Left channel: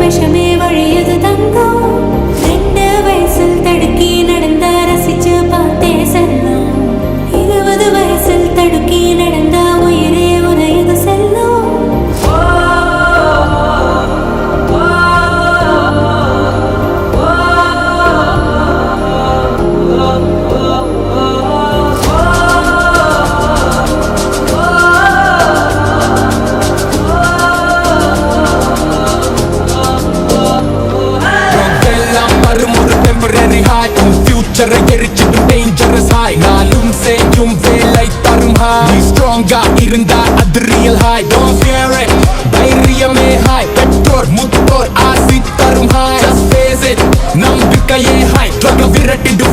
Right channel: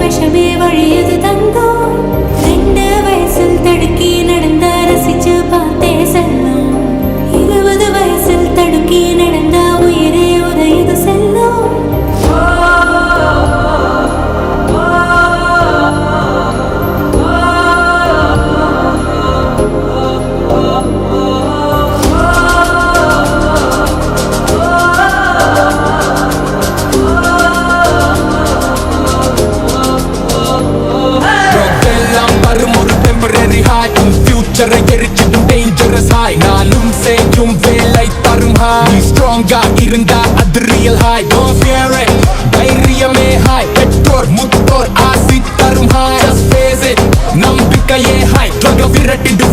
விஷமே வழியது தங்கம் 2 வயசில் தடுக்கி நடந்த ரசிச்சு பார்த்தே செல்லும் 20 வயசில் தடுக்கி நடந்த உயிரே உதயது செல்லும் ஒரு டெம்பரரி ஹாய் உன் ஃபியூச்சரை எரிச்சிடும் டேஞ்சரஸ் ஹாய் நானும் செய்யும் வேலை தரும் ஹாய் நீ ஸ்ட்ராங்கா இருந்தா அது real hi don't fear it தைரியமே ஹாய் பெற்றோர் முத்தோர் ஆசி தரும் ஹாய் ஜஸ்ட் ஃபேஸ் இட் நம்பிக்கையே ஹாய் ட்ரக்ல விரட்டிடும்